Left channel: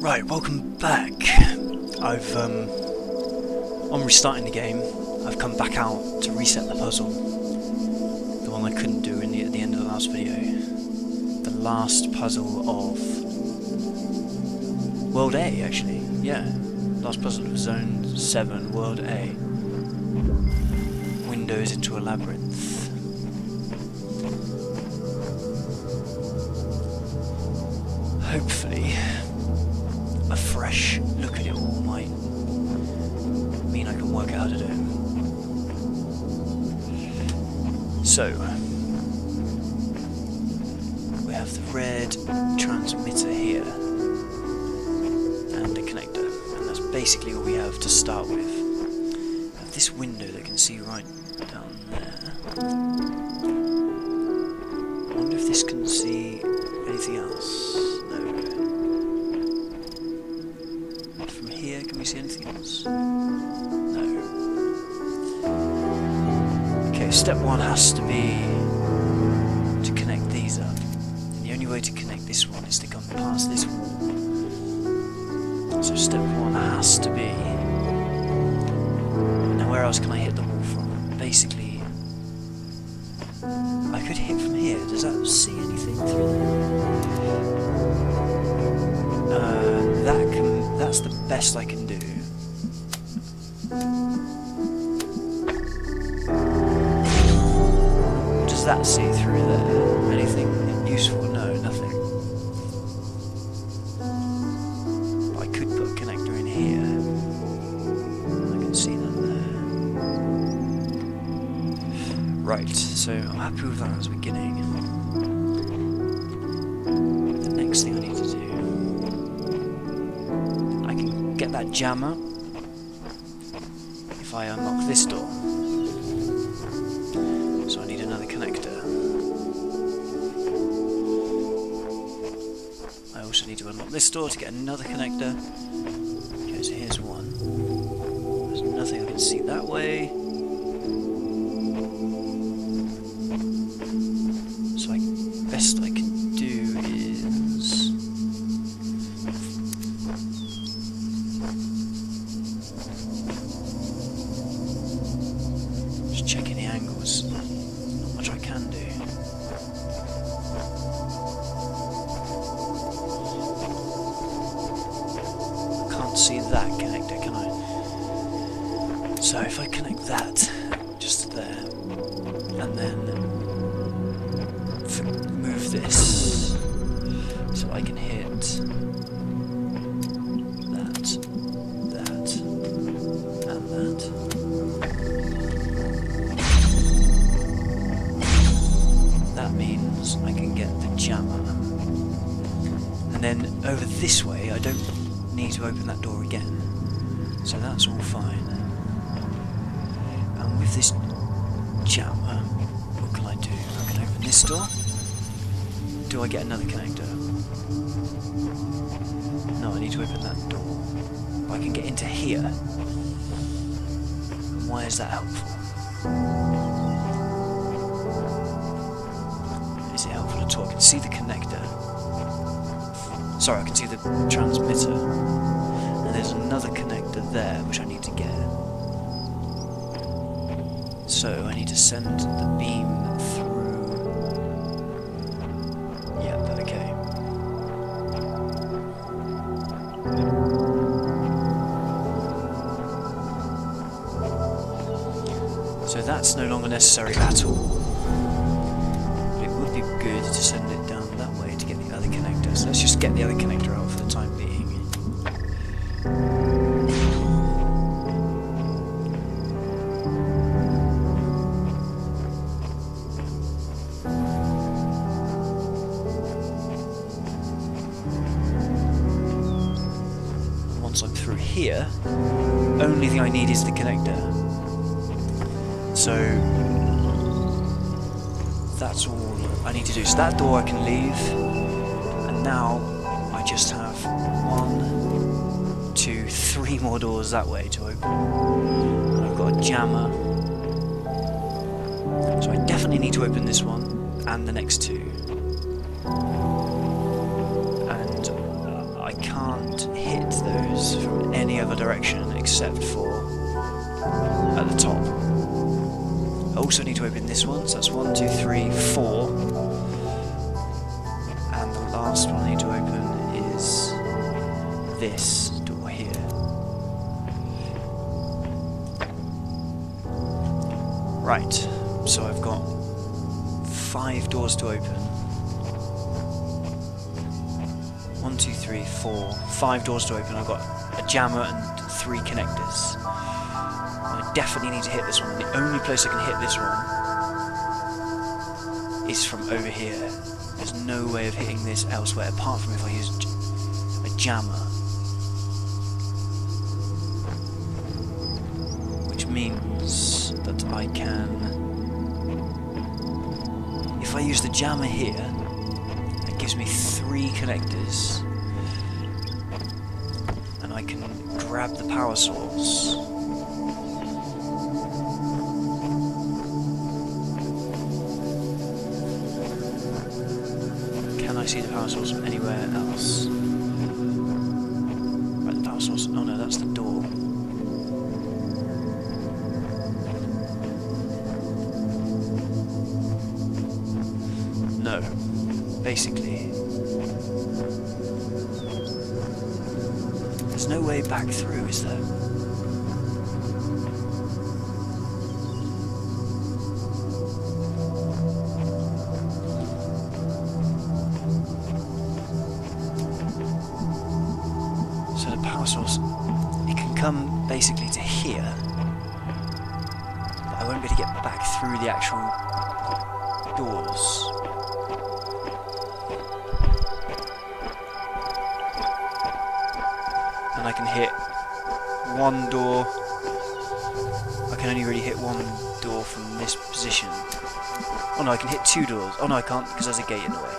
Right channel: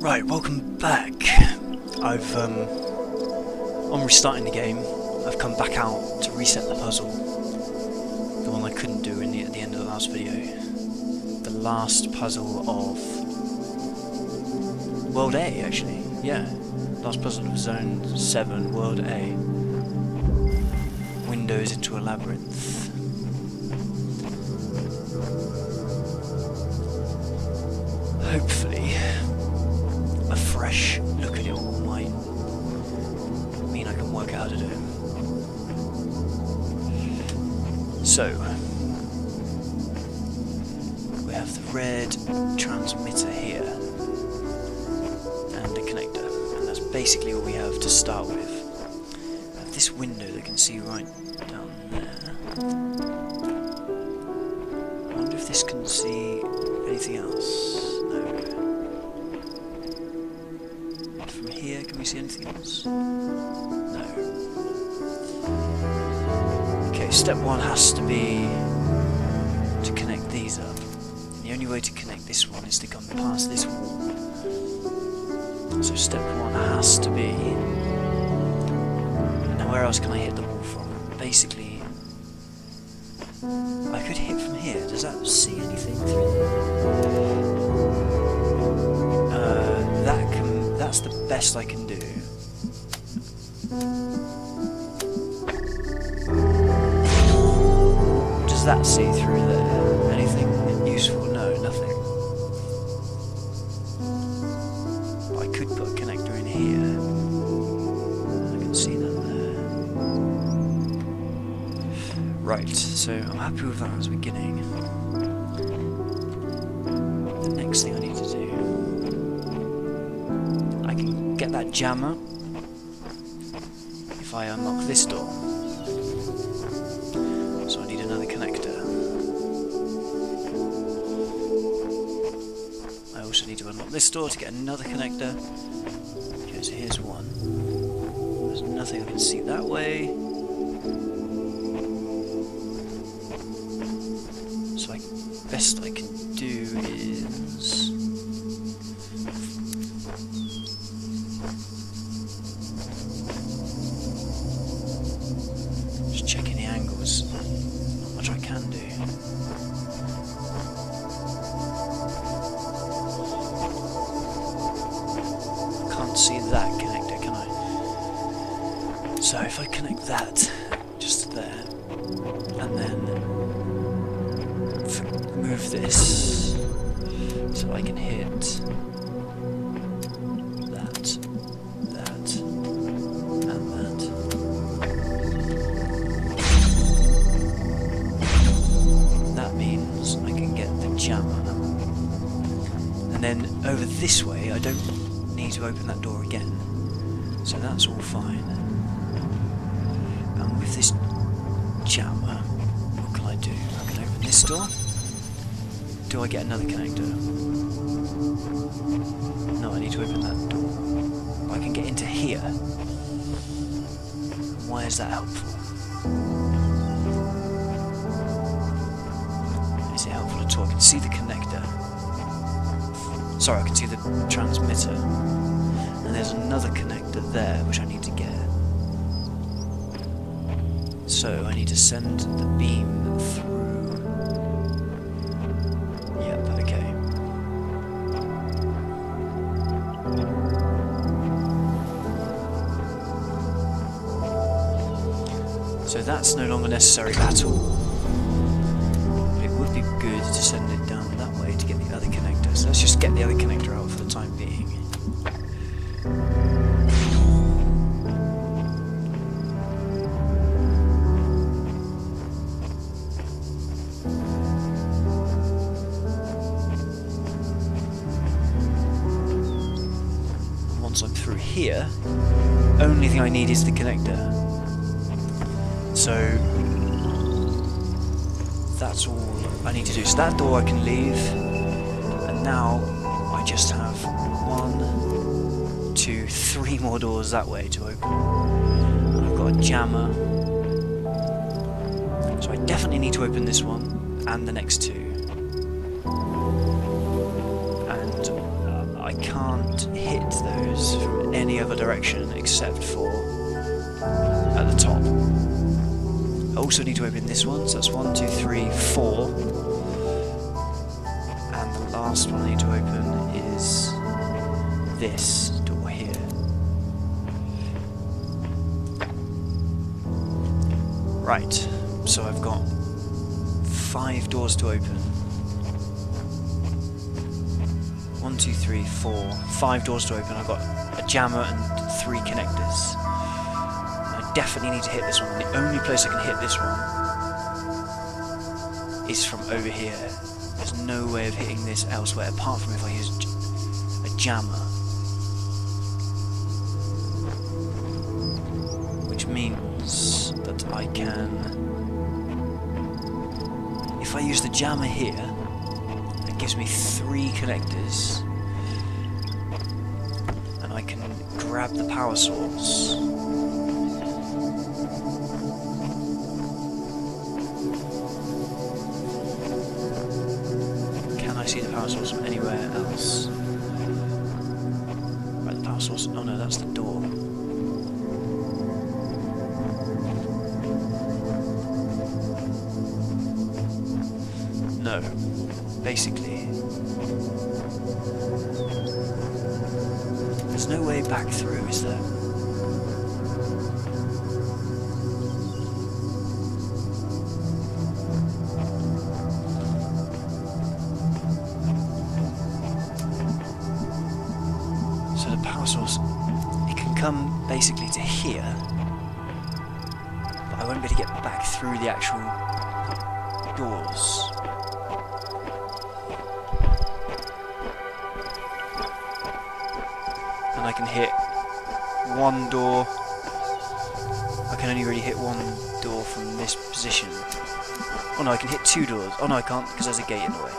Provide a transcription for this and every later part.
Right, welcome back. On restarting the game, I've come back out to reset the puzzle. The one I couldn't do at the end of the last video. The last puzzle of World A, actually. Yeah, last puzzle of Zone 7, World A. Windows into a labyrinth. Hopefully, a fresh look at it all might mean I can work out how to do it. So, we have the red transmitter here and a connector, and that's basically all we have to start with. I have this window that can see right down there. I wonder if this can see anything else. No. From here, can we see anything else? No. Okay, step one has to be to connect these up. And the only way to connect this one is to come past this wall. So step one has to be... Now where else can I hit the wall from? Basically, I could hit from here. Does that see anything through there? That's the best I can do. What does that see through there? Anything useful? No, nothing. But I could put a connector in here. And I can see that there. Right, so I'm happy with that as a beginning. The next thing I need to do, I can get that jammer if I unlock this door. So I need another connector. I also need to unlock this door to get another connector. Okay, so here's one. There's nothing I can see that way. So best I can do is... just checking the angles. Not much I can do. I can't see that connector, can I? So if I connect that just there, and then move this so I can hit that, and that. That means I can get the jammer. And then over this way I don't need to open that door again. So that's all fine. And with this jammer, what can I do? I can open this door. Do I get another connector? No, I need to open that door. But I can get into here. And why is that helpful? Is it helpful at all? I can see the connector. Sorry, I can see the transmitter. And there's another connector there, which I need to get. So I need to send the beam through. Yep, okay. So that's no longer necessary at all. But it would be good to send it down that way to get the other connector. So let's just get the other connector out for the time being. Once I'm through here, only thing I need is the connector. So that's all I need to do. So that door I can leave, and now I just have 1, 2, 3 more doors that way to open. And I've got a jammer. So I definitely need to open this one and the next two. And I can't hit those from any other direction except for at the top. I also need to open this one, so that's 1, 2, 3, 4. And the last one I need to open is this door here. Right, so I've got 5 doors to open. 1, 2, 3, 4, 5 doors to open. I've got a jammer and 3 connectors. I definitely need to hit this one, and the only place I can hit this one is from over here. There's no way of hitting this elsewhere apart from if I use a jammer. Which means that I can... If I use the jammer here, that gives me 3 connectors. And I can grab the power source. Can I see the power source from anywhere else? Right, the power source... Oh no, that's the door. No. Basically... There's no way back through, is there? So the power source, it can come basically to here, but I won't be able to get back through the actual doors. And I can hit one door. I can only really hit one door from this position. Oh no, I can hit 2 doors. Oh no, I can't because there's a gate in the way.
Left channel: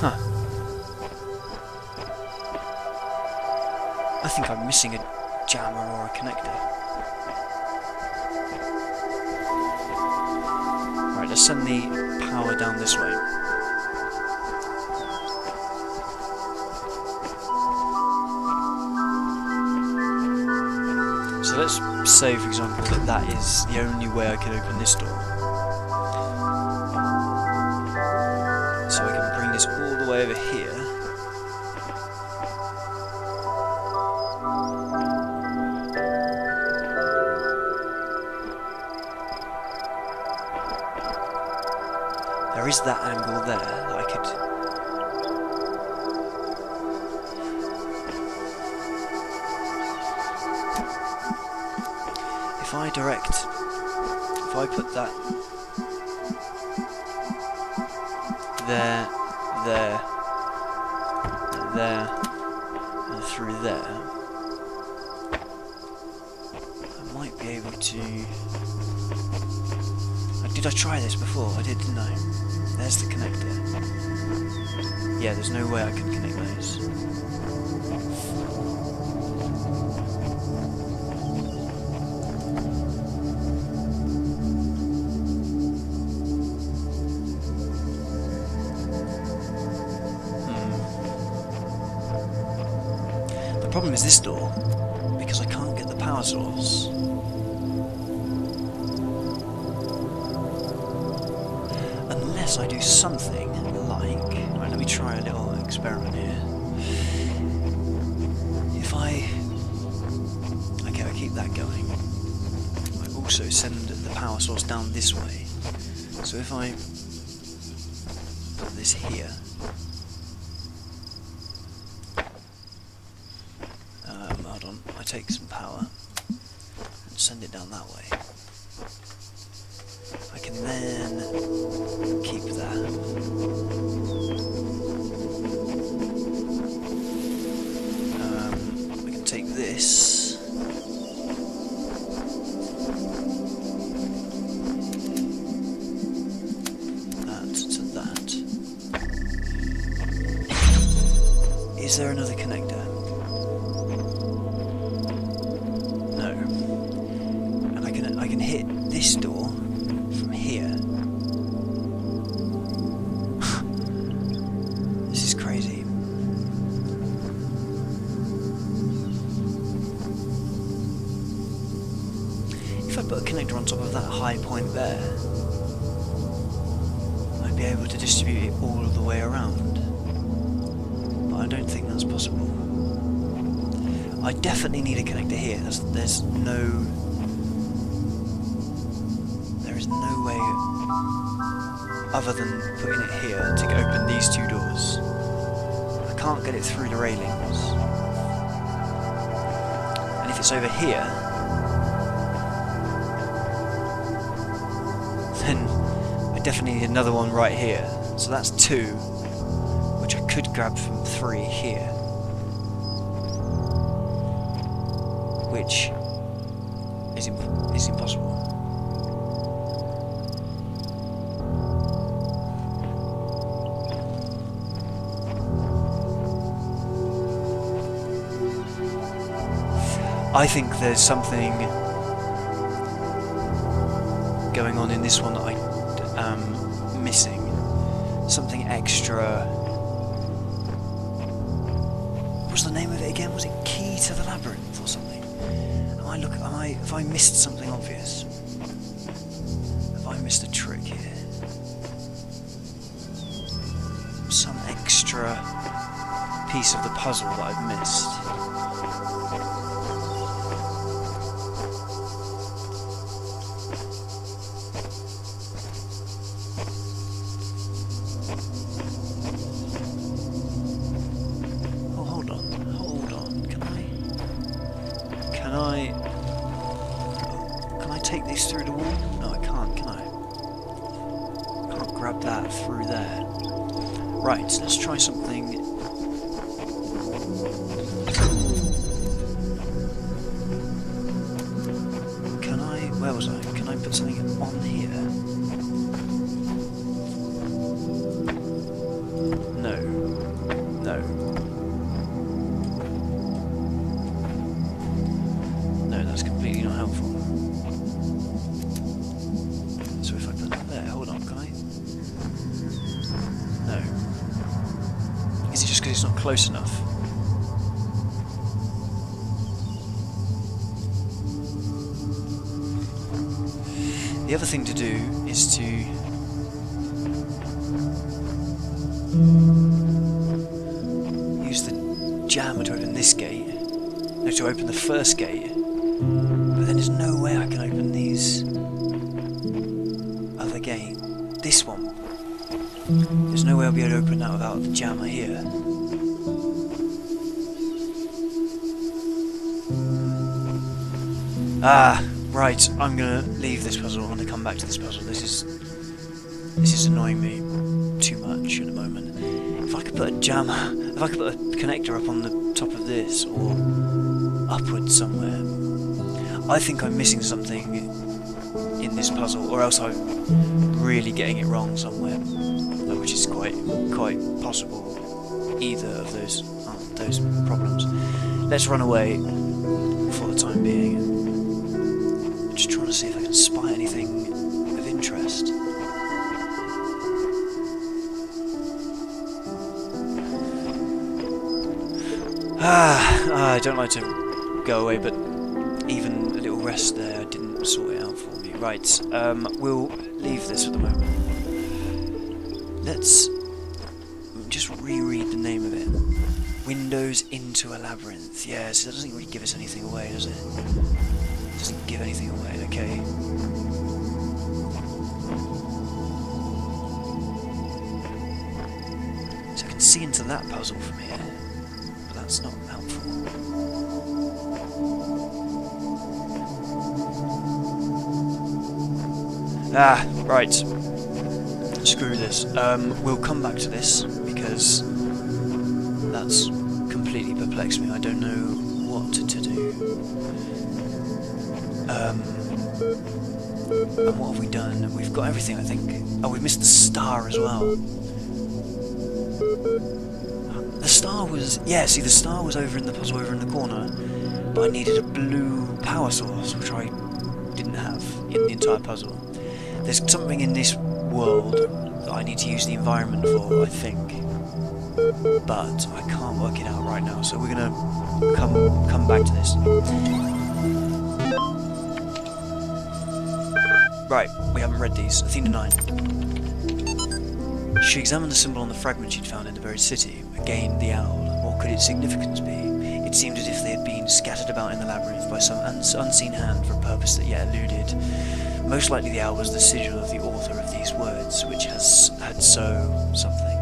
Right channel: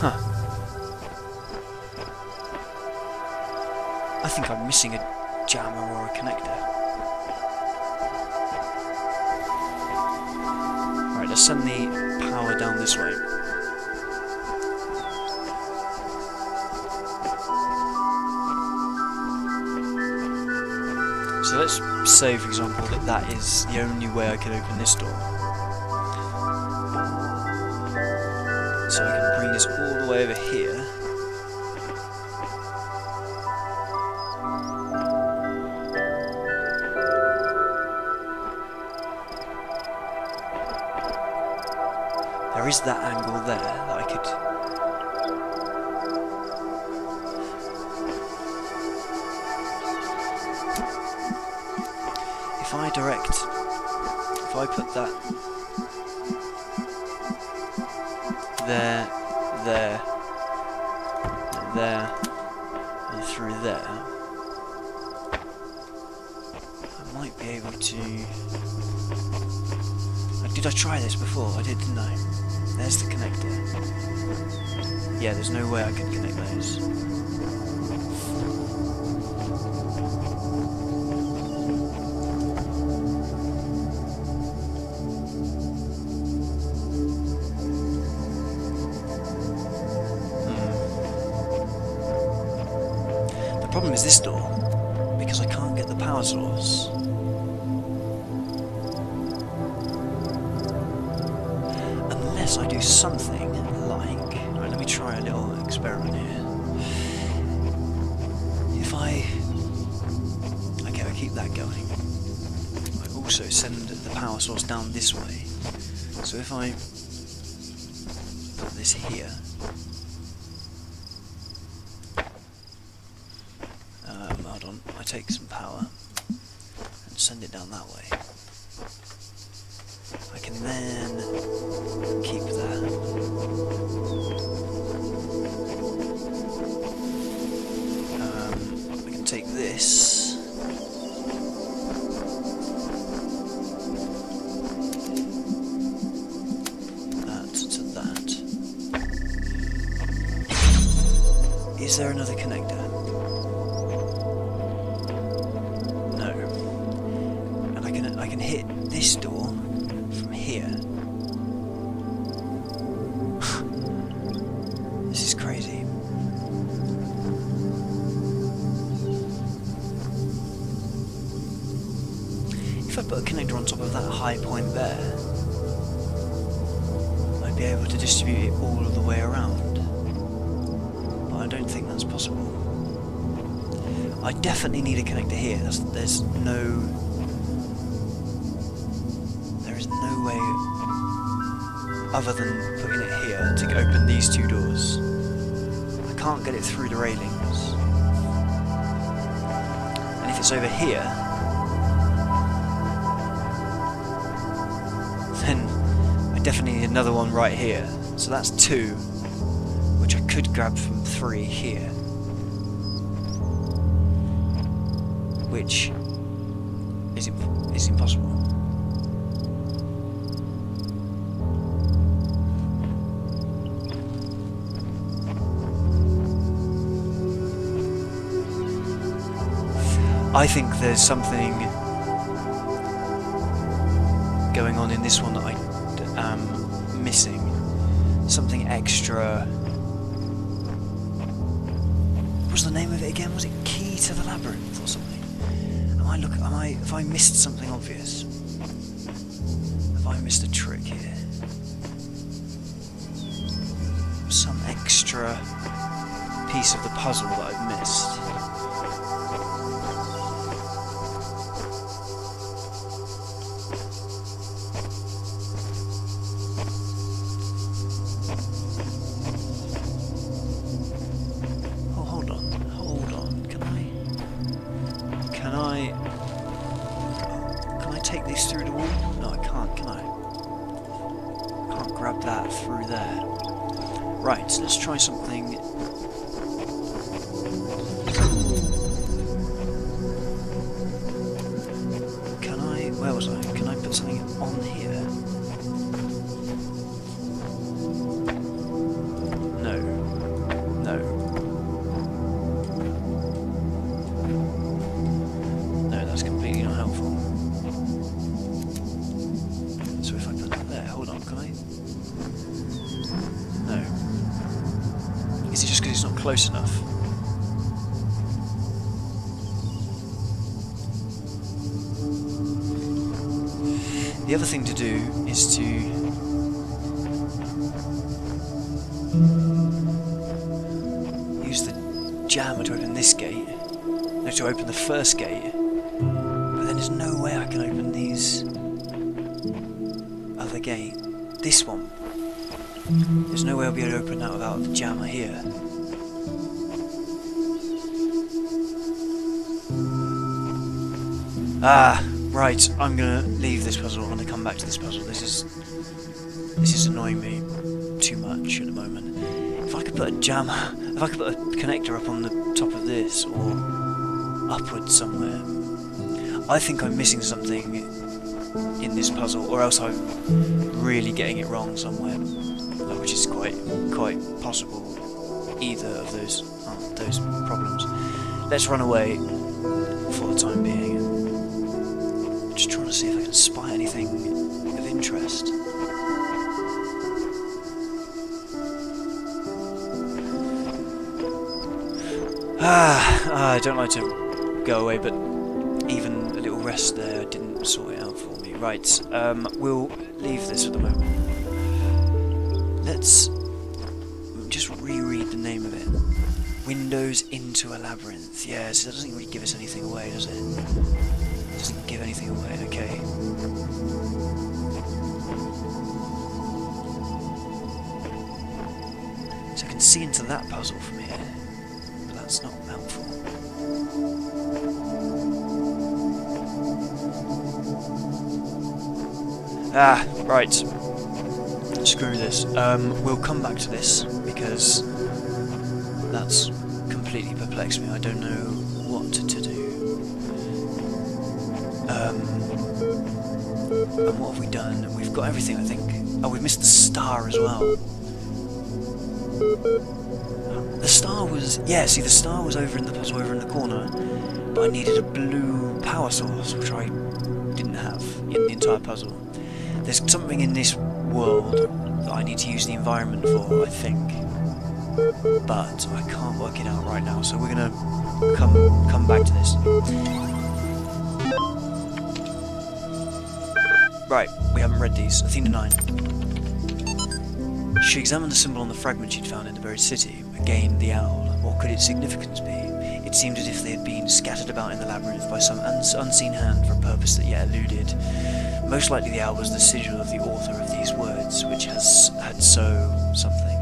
Huh. I think I'm missing a jammer or a connector. Right, let's send the power down this way. So let's say, for example, that that is the only way I can open this door. So I can bring this all the way over here. There is that angle there that I could... If I put that there, and through there, I might be able to... Did I try this before? I did, didn't I? There's the connector. Yeah, there's no way I can connect those. The problem is this door, because I can't get the power source. Unless I do something like... Right, let me try a little experiment here. If I... Okay, I keep that going. I also send the power source down this way. So if I put this here... hold on, I take some power and send it down that way. I can then keep that. I can take this. That to that. Is there another connector? No. And I can hit this door from here. This is crazy. put a connector on top of that high point there, I'd be able to distribute it all the way around. But I don't think that's possible. I definitely need a connector here. There is no way other than putting it here to open these two doors. I can't get it through the railings. And if it's over here, then I definitely need another one right here. So that's 2, which I could grab from 3 here. Which is impossible. I think there's something going on in this one that I am missing. Something extra. What was the name of it again? Was it Key to the Labyrinth or something? Have I missed something obvious? Have I missed a trick here? Some extra piece of the puzzle that I've missed. Oh, hold on. Can I take these through the wall? No, I can't, can I? Can't grab that through there. Right, so let's try something. Where was I? Can I put something on here? No. No, that's completely not helpful. So if I put that there, hold on, can I? No. Is it just because it's not close enough? The other thing to do is to use the jammer to open this gate. No, to open the first gate. But then there's no way I can open these other gate. This one. There's no way I'll be able to open that without the jammer here. Ah, right. I'm gonna leave this puzzle. I'm gonna come back to this puzzle. This is annoying me too much at the moment. If I could put a jammer, if I could put a connector up on the top of this or upwards somewhere. I think I'm missing something in this puzzle, or else I'm really getting it wrong somewhere, which is quite possible. Either of those problems. Let's run away for the time being. Just trying to see if I can spy anything of interest. I don't like to go away, but even a little rest there didn't sort it out for me. Right, we'll leave this for the moment. Let's just reread the name of it. Windows into a Labyrinth. Yes, that doesn't really give us anything away, does it? It doesn't give anything away, okay. So I can see into that puzzle from here, but that's not helpful. Ah, right. Screw this. We'll come back to this, because that's completely perplexed me. I don't know what to do. And what have we done? We've got everything, I think. Oh, we missed the star as well. The star was... yeah, see, the star was over in the puzzle over in the corner, but I needed a blue power source, which I didn't have in the entire puzzle. There's something in this world that I need to use the environment for, I think. But I can't work it out right now, so we're gonna come back to this. Right, we haven't read these. Athena 9. She examined the symbol on the fragment she'd found in the buried city. Again, the owl. What could its significance be? It seemed as if they had been scattered about in the labyrinth by some unseen hand for a purpose that yet eluded. Most likely the owl was the sigil of the author of these words, which had something.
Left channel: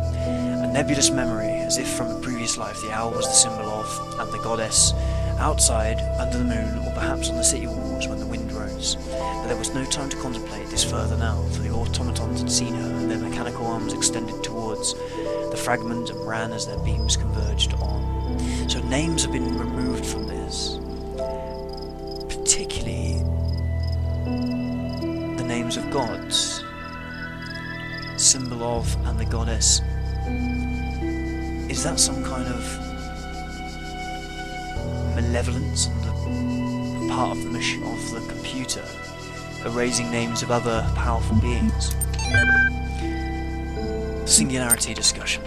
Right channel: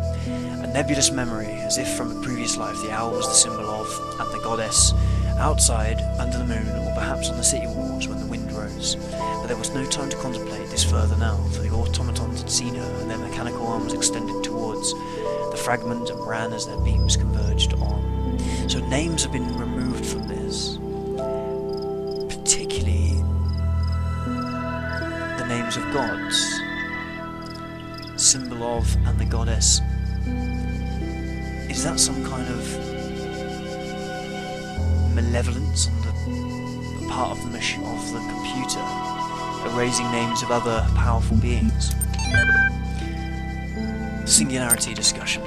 A nebulous memory, as if from a previous life. The owl was the symbol of, and the goddess, outside, under the moon, or perhaps on the city walls when the wind rose. But there was no time to contemplate this further now, for the automatons had seen her, and their mechanical arms extended towards the fragment and ran as their beams converged on. So names have been removed from this, particularly the names of gods. Symbol of and the goddess. Is that some kind of malevolence on the part of the computer, erasing names of other powerful beings? Singularity discussion.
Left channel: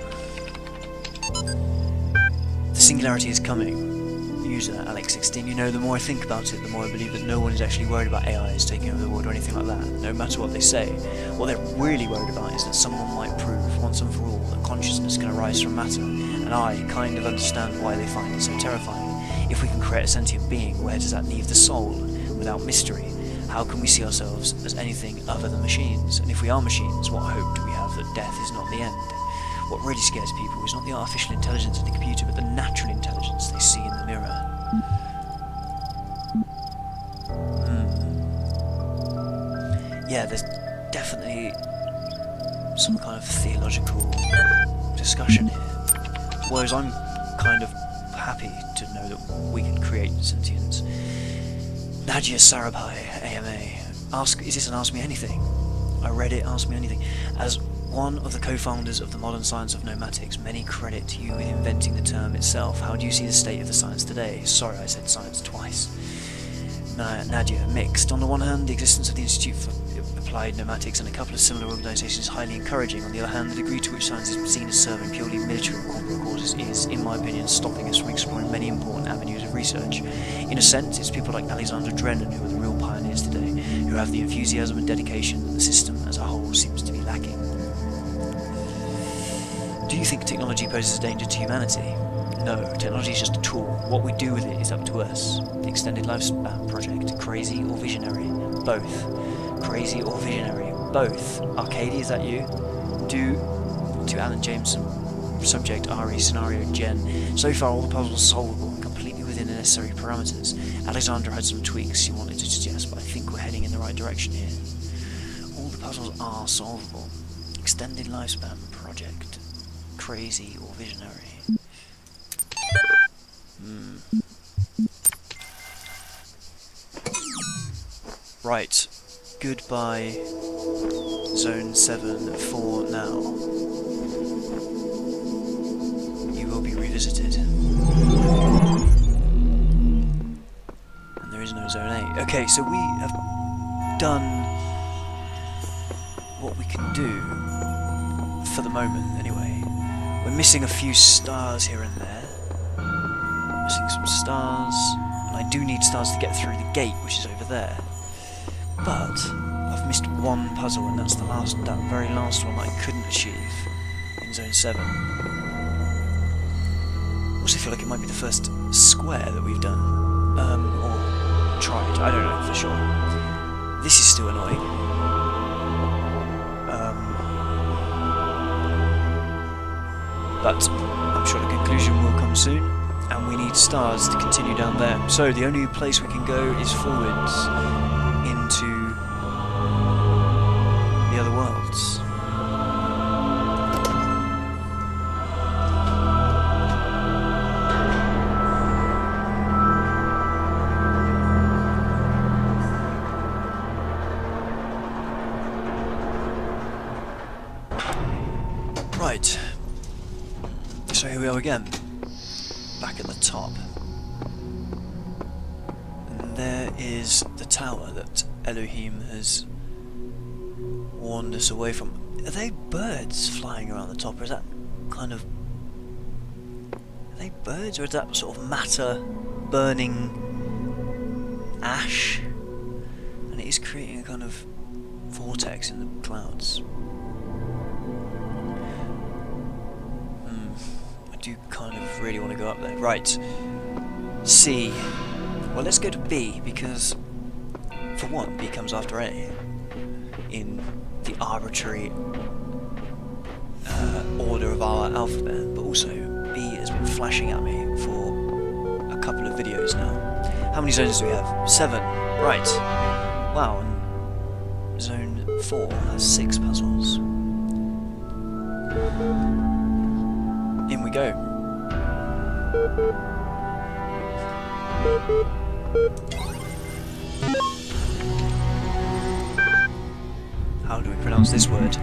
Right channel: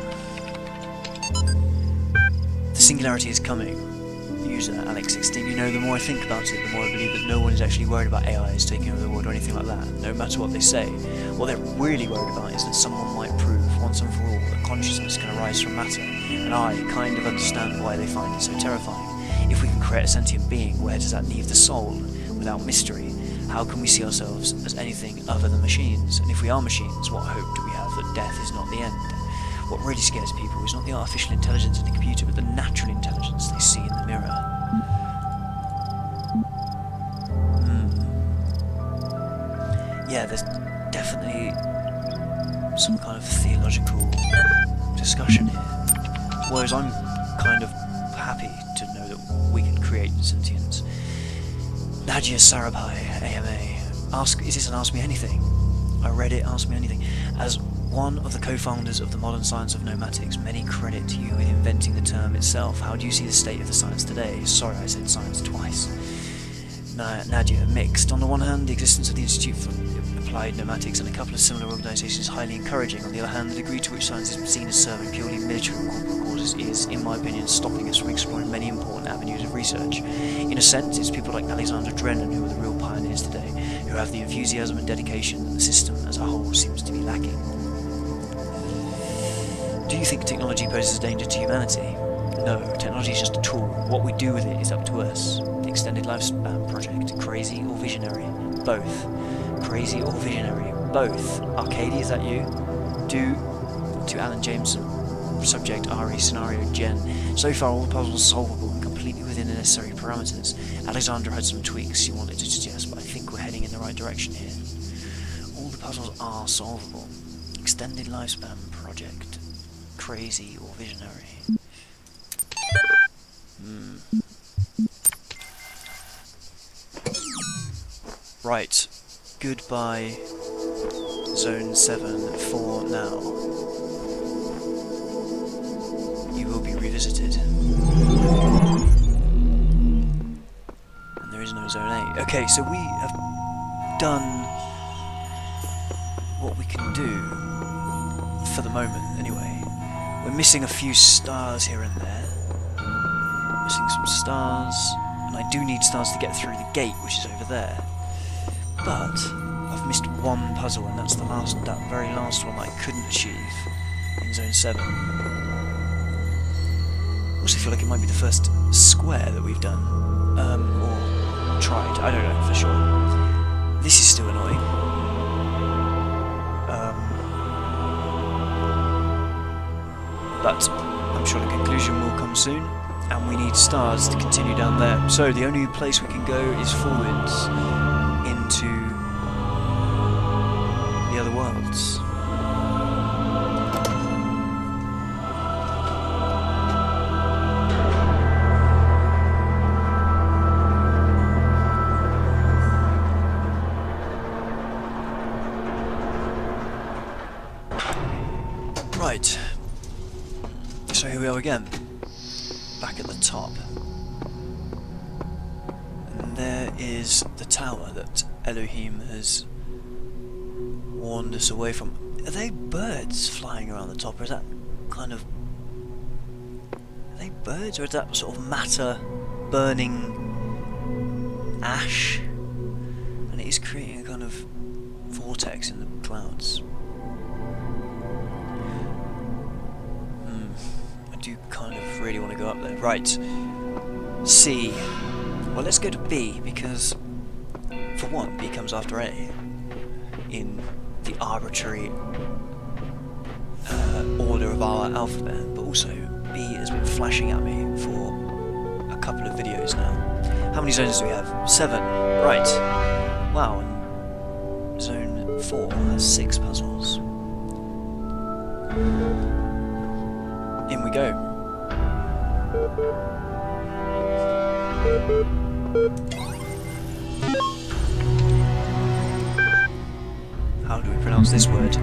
The singularity is coming. User Alex16. You know, the more I think about it, the more I believe that no one is actually worried about AIs taking over the world or anything like that, no matter what they say. What they're really worried about is that someone might prove, once and for all, that consciousness can arise from matter, and I kind of understand why they find it so terrifying. If we can create a sentient being, where does that leave the soul? Without mystery, how can we see ourselves as anything other than machines? And if we are machines, what hope do we have that death is not the end? What really scares people is not the artificial intelligence in the computer, but the natural intelligence they see in the mirror. Yeah, there's definitely some kind of theological discussion here. Whereas I'm kind of happy to know that we can create sentience. Nadia Sarabhai, AMA. Is this an Ask Me Anything? I read it, Ask Me Anything. As one of the co-founders of the modern science of nomatics, many credit you with inventing the term itself. How do you see the state of the science today? Sorry, I said science twice. Nadia, mixed. On the one hand, the existence of the Institute for Applied Nomatics and a couple of similar organisations is highly encouraging. On the other hand, the degree to which science is seen as serving purely military or corporate causes is, in my opinion, stopping us from exploring many important avenues of research. In a sense, it's people like Alexander Drennan who are the real pioneers today, who have the enthusiasm and dedication that the system as a whole seems to be lacking. Do you think technology poses a danger to humanity? No, technology is just a tool. What we do with it is up to us. The Extended Lifespan Project. Crazy or visionary? Both. Crazy or visionary? Both. Arcady, is that you? To Alan Jameson. Subject Ari, scenario Jen. So far all the puzzles are solvable and completely within the necessary parameters. Alexandra had some tweaks she wanted to suggest, but I think we're heading in the right direction here. All the puzzles are solvable. Extended Lifespan Project. Crazy or visionary? Right. Goodbye, Zone 7 for now. You will be revisited. And there is no Zone 8. Okay, so we have done what we can do, for the moment anyway. We're missing a few stars here and there. Missing some stars, and I do need stars to get through the gate, which is over there. But I've missed one puzzle, and that's that very last one that I couldn't achieve in Zone 7. I also feel like it might be the first square that we've done, or tried. I don't know for sure. This is still annoying. But I'm sure the conclusion will come soon, and we need stars to continue down there. So the only place we can go is forwards into the other worlds. Right. So here we are again, back at the top. And there is the tower that Elohim has warned us away from. Are they birds flying around the top, or is that kind of... Are they birds, or is that sort of matter burning ash? And it is creating a kind of vortex in the clouds. I do kind of really want to go up there. Right. C. Well, let's go to B, because for one, B comes after A in the arbitrary order of our alphabet, but also B has been flashing at me for a couple of videos now. How many zones do we have? 7. Right. Wow, and zone 4 has 6 puzzles. In we go. How do we pronounce this word?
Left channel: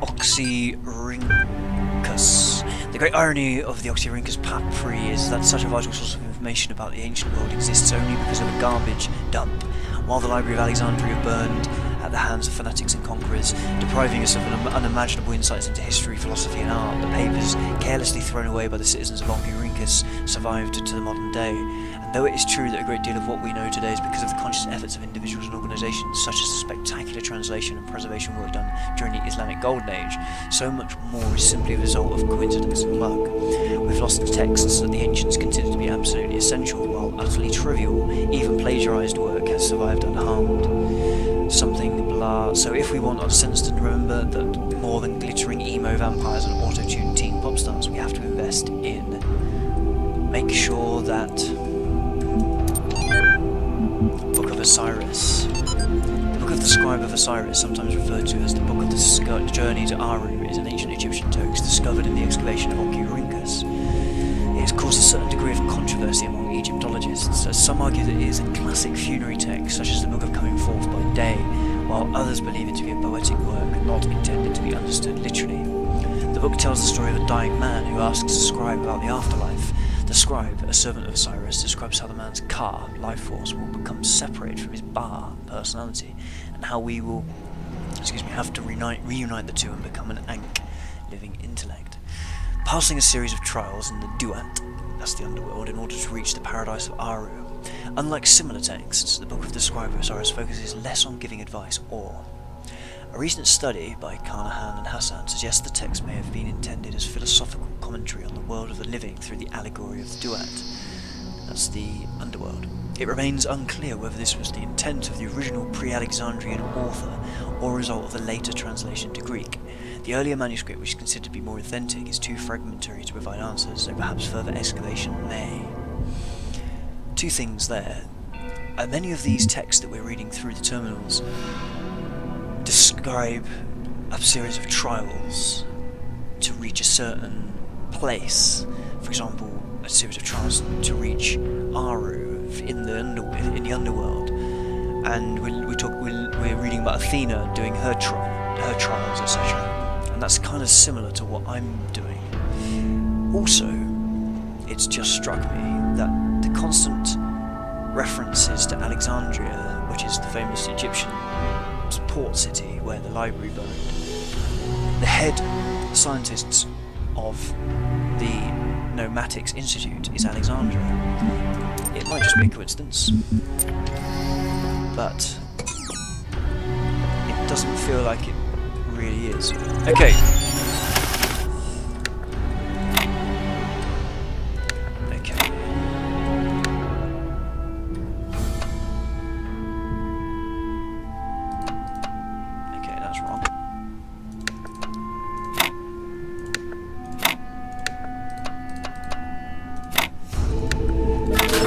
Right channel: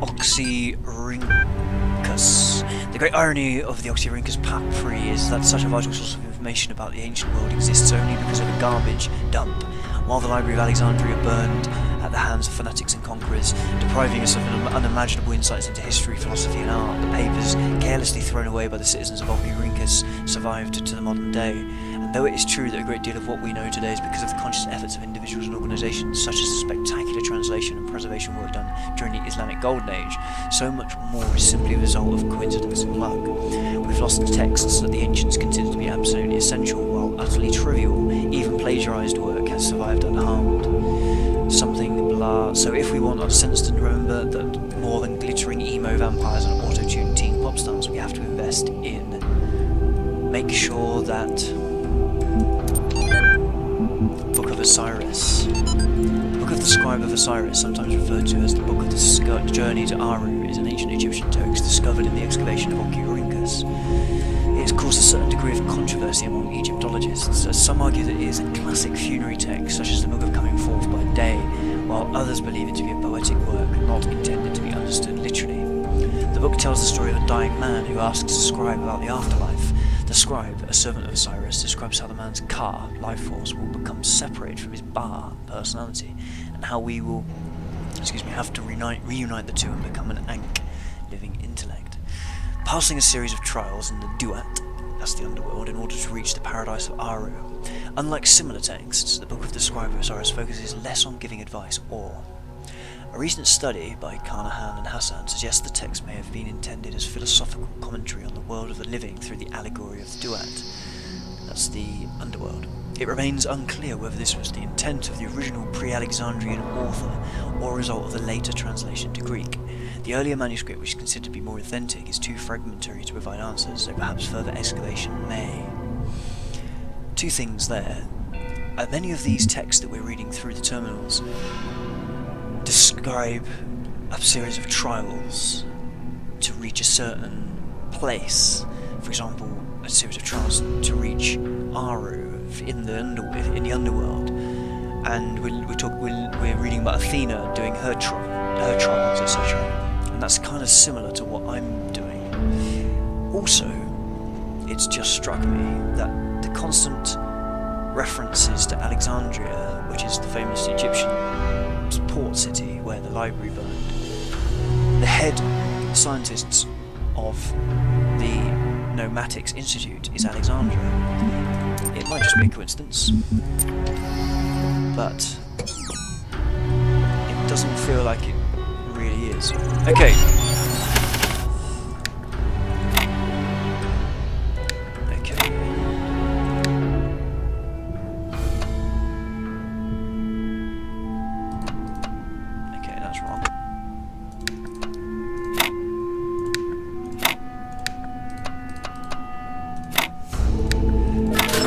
Oxyrhynchus. The great irony of the Oxyrhynchus papyri is that such a vital source of information about the ancient world exists only because of a garbage dump. While the Library of Alexandria burned at the hands of fanatics and conquerors, depriving us of unimaginable insights into history, philosophy and art, the papers, carelessly thrown away by the citizens of Oxyrhynchus, survived to the modern day. And though it is true that a great deal of what we know today is because of the conscious efforts of individuals and organisations, such as the spectacular translation and preservation work done during the Islamic Golden Age, so much more is simply a result of coincidence and luck. We've lost texts that the ancients considered to be absolutely essential, while utterly trivial, even plagiarised work has survived unharmed. Something blah. So if we want our sense to remember that more than glittering emo vampires and auto-tuned teen pop stars, we have to invest in make sure that Book of Osiris, the Book of the Scribe of Osiris, sometimes referred to as the Book of the Journey to Aru, is an ancient Egyptian text discovered in the excavation of Oxyrhynchus. It has caused a certain degree of controversy among Egyptologists, as some argue that it is a classic funerary text, such as the Book of Coming Forth by Day, while others believe it to be a poetic work not intended to be understood literally. The book tells the story of a dying man who asks a scribe about the afterlife. The scribe, a servant of Osiris, describes how the man's Ka, life force, will become separated from his Ba, personality, and how we will have to reunite the two and become an Ankh, living intellect. Passing a series of trials in the Duat, that's the underworld, in order to reach the paradise of Aru. Unlike similar texts, the Book of the Scribe of Osiris focuses less on giving advice or. A recent study by Carnahan and Hassan suggests the text may have been intended as philosophical commentary on the world of the living through the allegory of the Duat, that's the underworld. It remains unclear whether this was the intent of the original pre-Alexandrian author or a result of the later translation to Greek. The earlier manuscript, which is considered to be more authentic, is too fragmentary to provide answers, so perhaps further excavation may. Two things there. Many of these texts that we're reading through the terminals describe a series of trials to reach a certain place. For example, a series of trials to reach Aru in the underworld, and we're reading about Athena doing her trials, etc. And that's kind of similar to what I'm doing. Also, it's just struck me that the constant references to Alexandria, which is the famous Egyptian port city where the library burned, the head scientists of the Nomatics Institute is Alexandra. It might just be a coincidence, but it doesn't feel like it really is. Okay.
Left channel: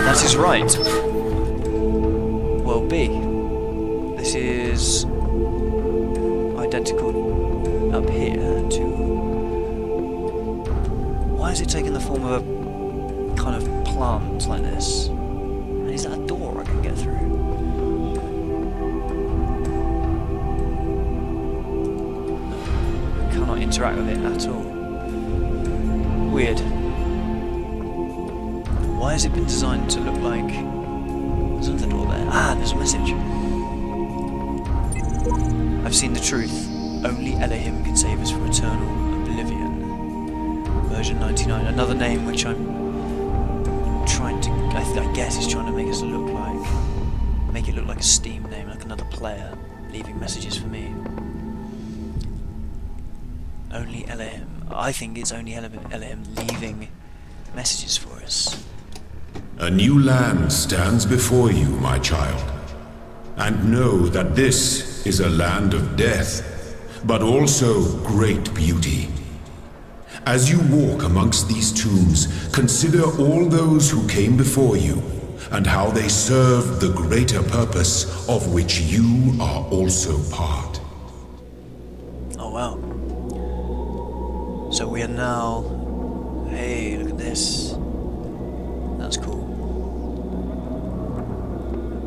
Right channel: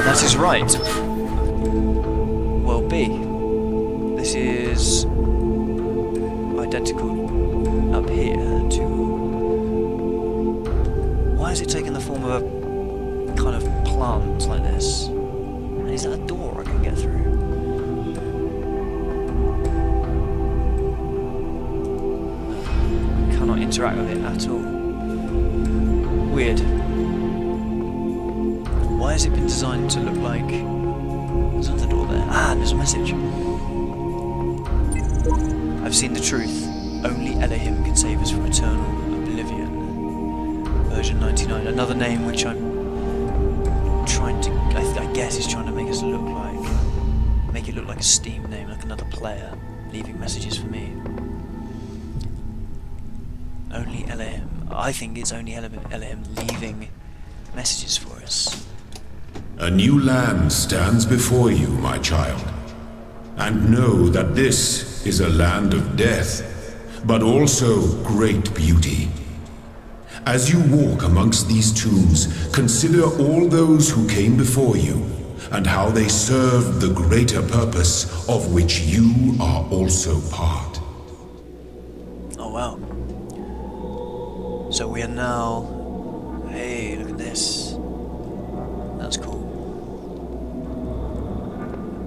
That is right. Well, B. This is identical up here to... Why is it taking the form of a kind of plant like this? And is that a door I can get through? No, I cannot interact with it at all. Weird. Why has it been designed to look like... There's another door there. Ah, and there's a message. I've seen the truth. Only Elohim can save us from eternal oblivion. Version 99. Another name which I'm trying to... I guess is trying to make it look like a Steam name, like another player. leaving messages for me. Only Elohim. I think it's only Elohim leaving messages for us. A new land stands before you, my child. And know that this is a land of death, but also great beauty. As you walk amongst these tombs, consider all those who came before you, and how they served the greater purpose of which you are also part. Oh wow. So we are now... Hey, look at this. That's cool.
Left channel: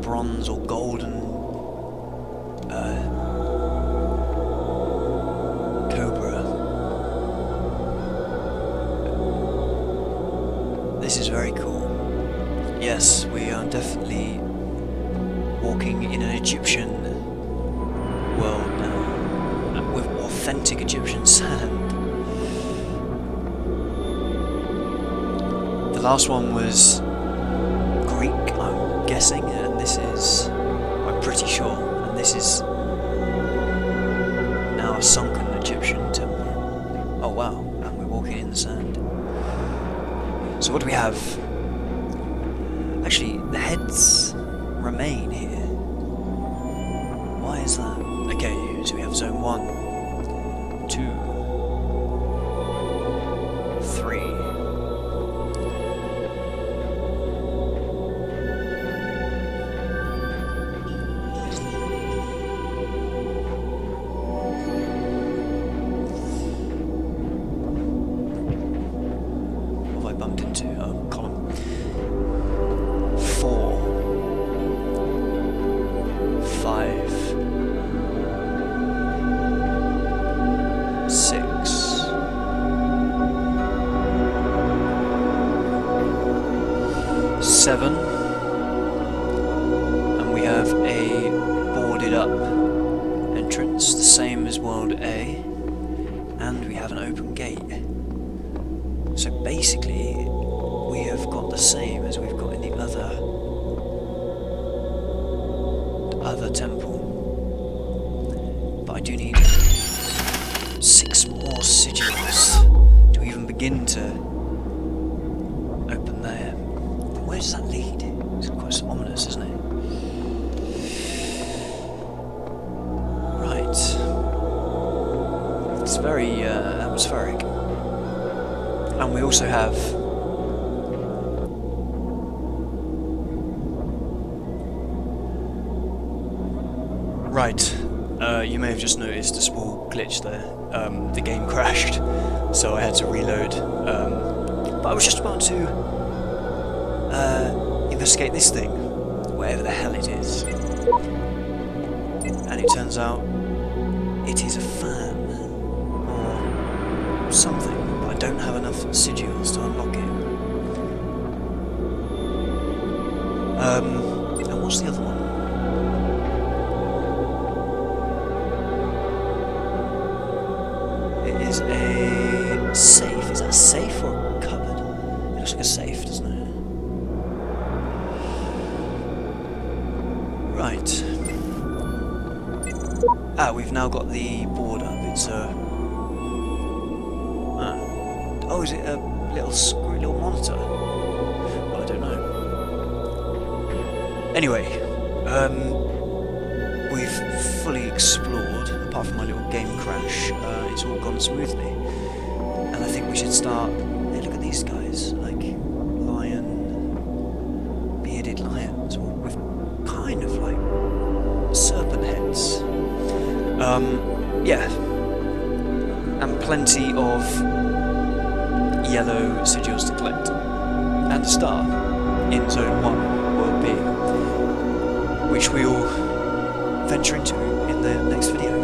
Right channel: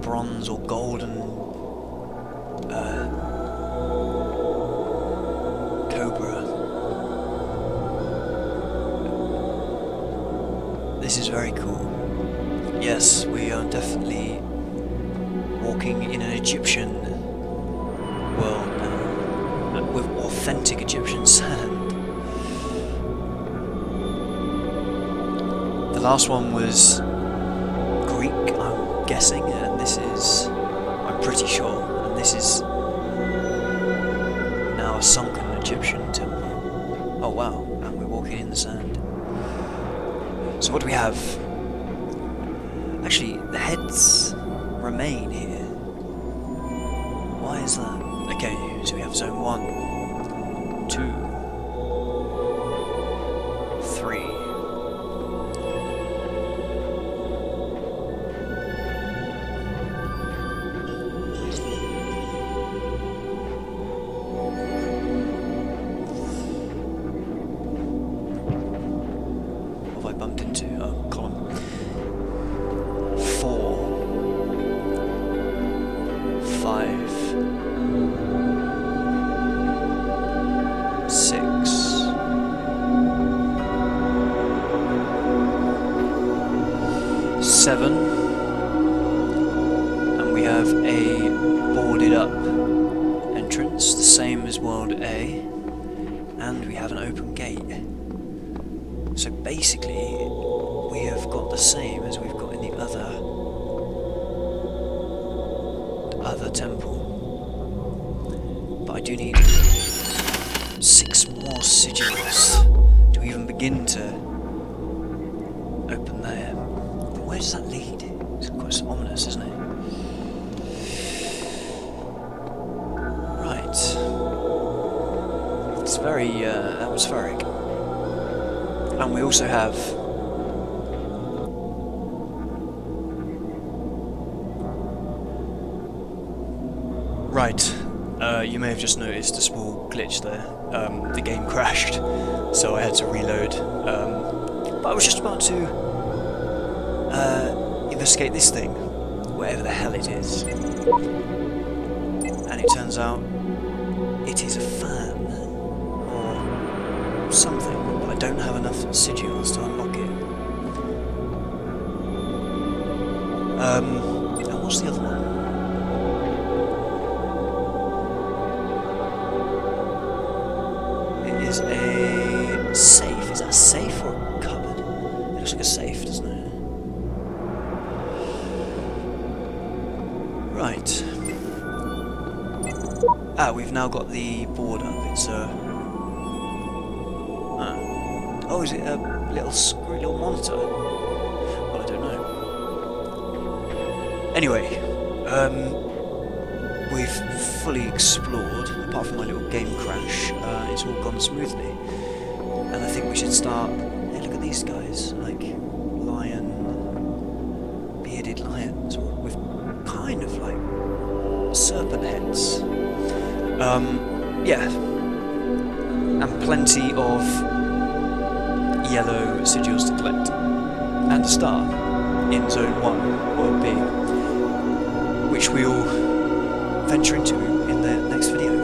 Bronze or golden cobra. This is very cool. Yes, we are definitely walking in an Egyptian world now, with authentic Egyptian sand. The last one was Greek, I'm guessing, and this is, I'm pretty sure, and this is now a sunken Egyptian temple. Oh wow, and we're walking in the sand. So what do we have? Actually, the heads remain here. Why is that? Okay, so we have zone 1, 2, 3. What have I bumped into? Oh, column. 4, 5, 6, 7, and we have a boarded up entrance, the same as World A, and we have an open gate. So basically we have got the same as we've got in the other temple, but I do need 6 more sigils to even begin to open there. Where does that lead? It's quite ominous, isn't it? Right. It's very atmospheric. And we also have you may have just noticed a small glitch there. The game crashed, so I had to reload. But I was just about to investigate this thing, whatever the hell it is. And it turns out it is a fan, or something, but I don't have enough sigils to unlock it. And what's the other one? It is a safe. Is that a safe or a cupboard? It looks like a safe, doesn't it? Right. We've now got the board up. It's a... oh, is it a little screwy little monitor? Well, I don't know. Anyway, we've fully explored, apart from my little game crash. It's all gone smoothly. And I think we should start... Hey, look at these guys. Like, bearded lions, with kind of like serpent heads. Yeah. And plenty of yellow sigils to collect. And a star in Zone 1, World B, which we'll venture into in the next video.